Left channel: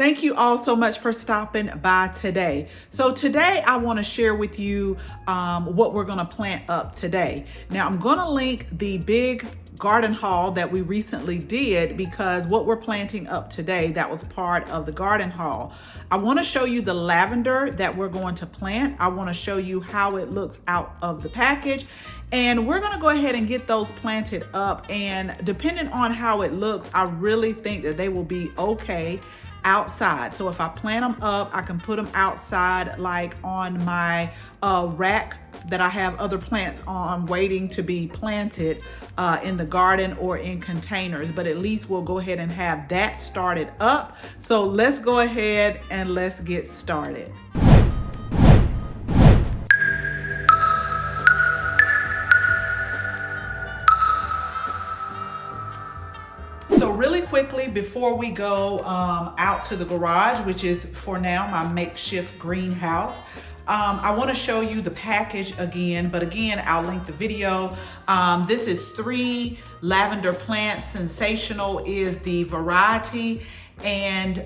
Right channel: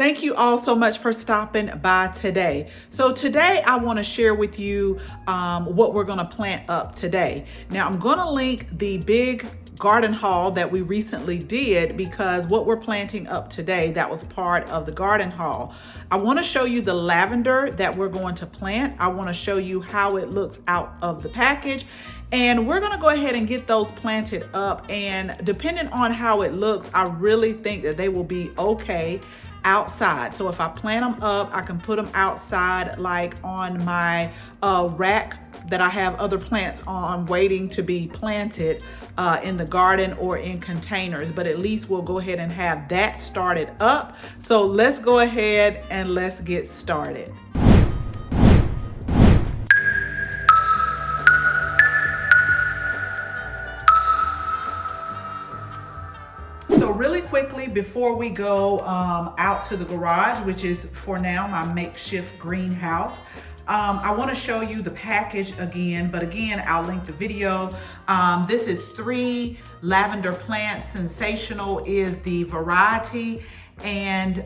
Thank you all so much for stopping by today. So today I want to share with you what we're going to plant up today. Now I'm going to link the big garden haul that we recently did, because what we're planting up today, that was part of the garden haul. I want to show you the lavender that we're going to plant. I want to show you how it looks out of the package, and we're going to go ahead and get those planted up. And depending on how it looks, I really think that they will be okay outside. So if I plant them up, I can put them outside, like on my rack that I have other plants on waiting to be planted in the garden or in containers. But at least we'll go ahead and have that started up. So let's go ahead and let's get started. So really quickly, before we go out to the garage, which is for now my makeshift greenhouse, I want to show you the package again, but again, I'll link the video. This is 3 lavender plants. Sensational is the variety, and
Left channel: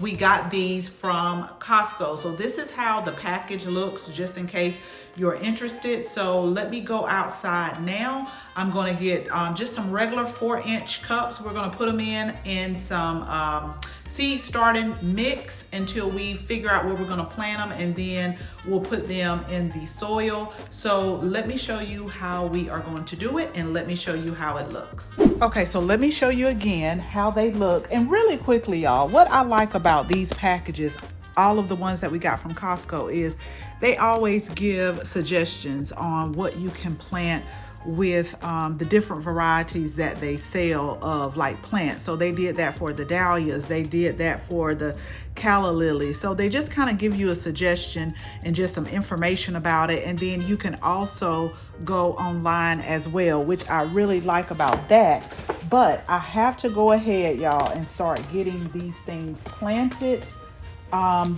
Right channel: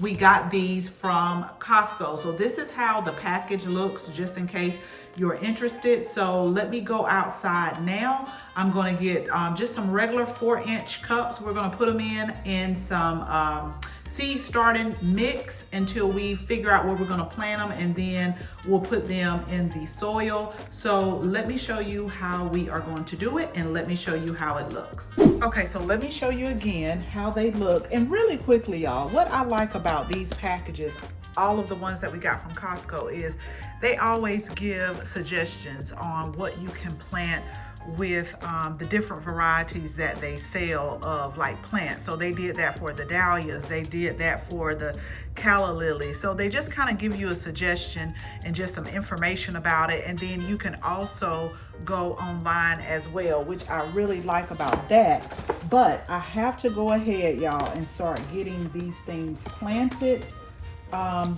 we got these from Costco. So this is how the package looks, just in case you're interested. So let me go outside now. I'm going to get just some regular 4-inch cups. We're going to put them in some seed starting mix until we figure out where we're going to plant them, and then we'll put them in the soil. So let me show you how we are going to do it, and let me show you how it looks. Okay, so let me show you again how they look. And really quickly, y'all, what I like about these packages, all of the ones that we got from Costco, is they always give suggestions on what you can plant with the different varieties that they sell of like plants. So they did that for the dahlias, they did that for the calla lilies. So they just kind of give you a suggestion and just some information about it. And then you can also go online as well, which I really like about that. But I have to go ahead, y'all, and start getting these things planted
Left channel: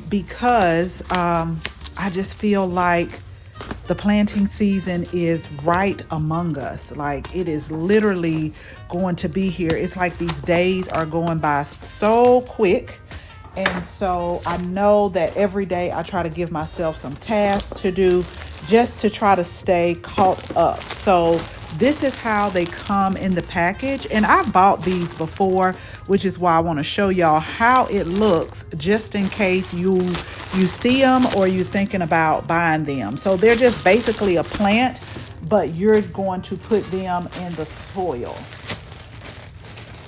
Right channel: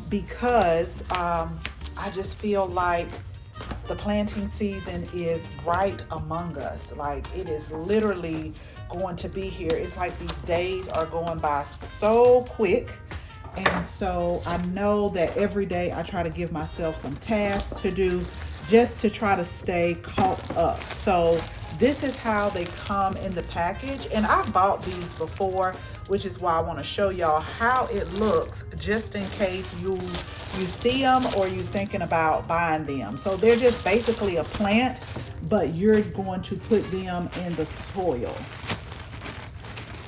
because I just feel like the planting season is right among us. Like, it is literally going to be here. It's like these days are going by so quick. And so I know that every day I try to give myself some tasks to do just to try to stay caught up. So this is how they come in the package. And I bought these before, which is why I want to show y'all how it looks, just in case you see them or you're thinking about buying them. So they're just basically a plant, but you're going to put them in the soil.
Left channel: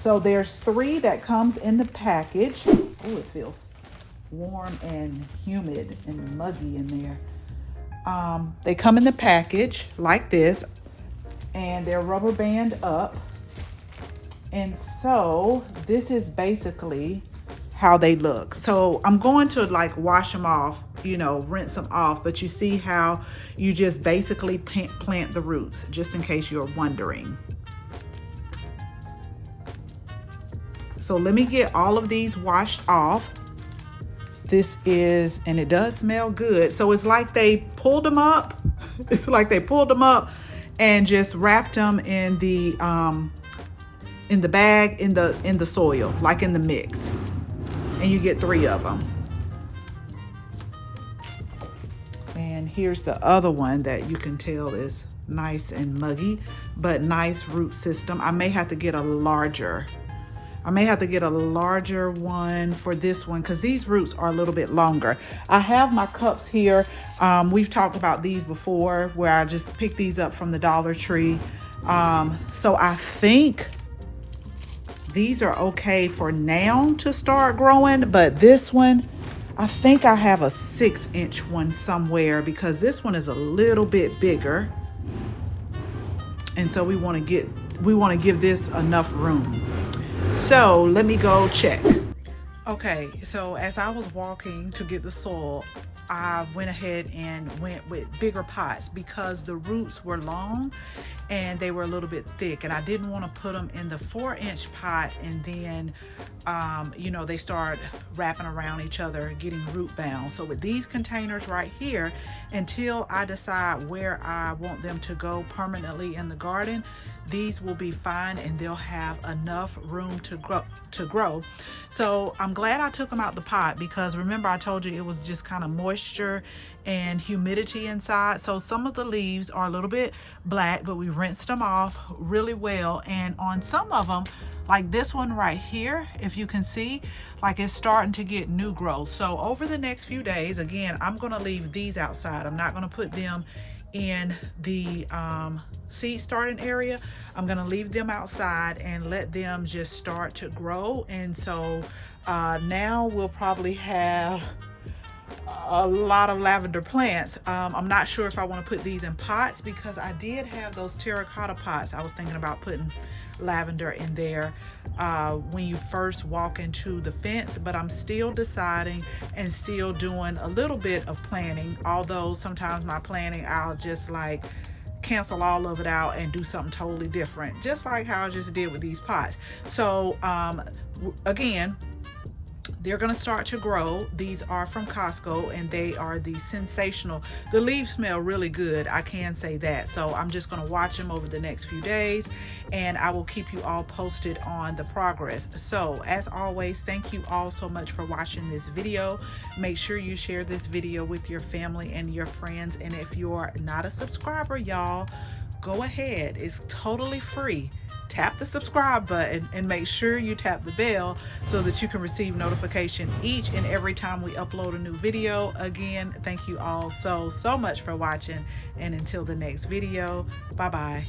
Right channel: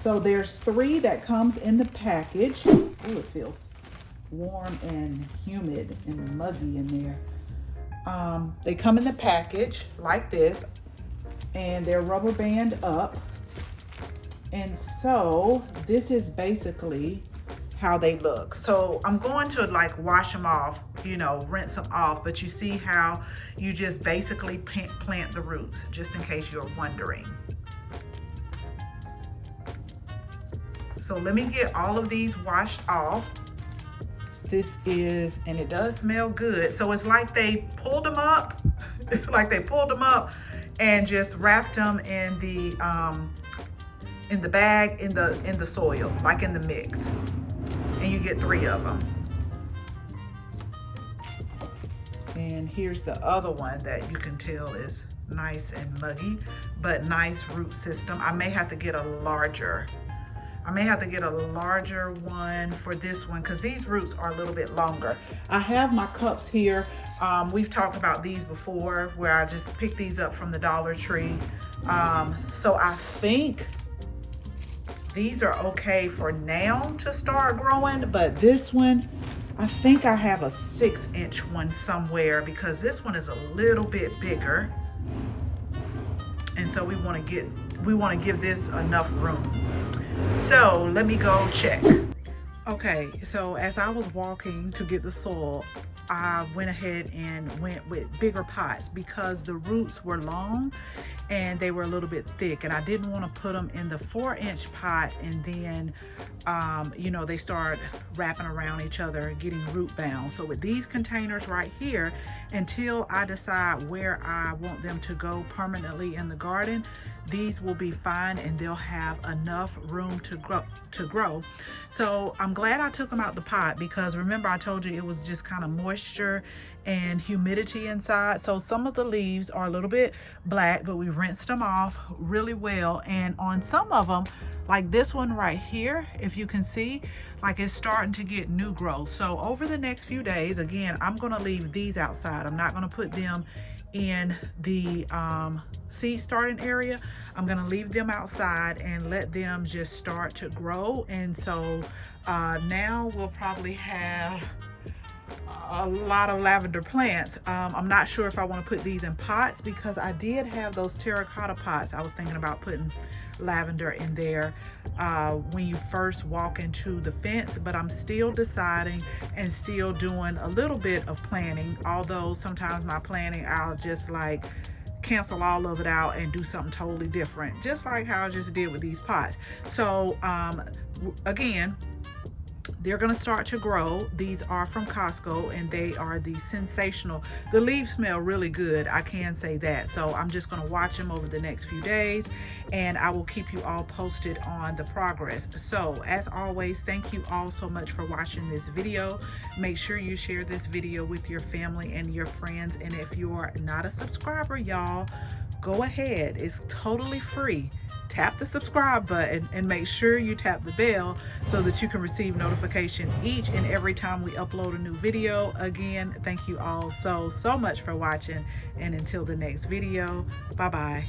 So there's 3 that comes in the package. Oh, it feels warm and humid and muggy in there. They come in the package like this, and they're rubber band up. And so this is basically how they look. So I'm going to like wash them off, you know, rinse them off, but you see how you just basically plant the roots, just in case you're wondering. So let me get all of these washed off. This is, and it does smell good. So it's like they pulled them up. It's like they pulled them up and just wrapped them in the bag, in the soil, like in the mix. And you get 3 of them. And here's the other one that you can tell is nice and muggy, but nice root system. I may have to get a larger one for this one, because these roots are a little bit longer. I have my cups here. We've talked about these before, where I just picked these up from the Dollar Tree. So I think these are okay for now to start growing, but this one, I think I have a 6-inch one somewhere, because this one is a little bit bigger. And so we want to give this enough room. So let me go check. Okay, so as I was walking to get the soil, I went ahead and went with bigger pots because the roots were long and they were a little bit thick, and I didn't want to put them in the 4-inch pot and then you know, they start wrapping around each other, getting root bound. So with these containers right here, until I decide where I want them to go permanently in the garden, these will be fine and they'll have enough room to grow. So I'm glad I took them out the pot, because remember I told you it was just kind of moisture and humidity inside. So some of the leaves are a little bit black, but we rinsed them off really well. And on some of them, like this one right here, if you can see, like it's starting to get new growth. So over the next few days, again, I'm gonna leave these outside. I'm not gonna put them in the seed starting area. I'm gonna leave them outside and let them just start to grow. And so now we'll probably have a lot of lavender plants. I'm not sure if I want to put these in pots, because I did have those terracotta pots. I was thinking about putting lavender in there when you first walk into the fence, but I'm still deciding and still doing a little bit of planning. Although sometimes my planning, I'll just like cancel all of it out and do something totally different, just like how I just did with these pots. So again, they're going to start to grow. These are from Costco and they are the sensational. The leaves smell really good, I can say that. So I'm just going to watch them over the next few days and I will keep you all posted on the progress. So as always, thank you all so much for watching this video. Make sure you share this video with your family and your friends. And if you're not a subscriber, y'all, go ahead. It's totally free. Tap the subscribe button and make sure you tap the bell so that you can receive notification each and every time we upload a new video. Again, thank you all so much for watching, and until the next video, bye bye.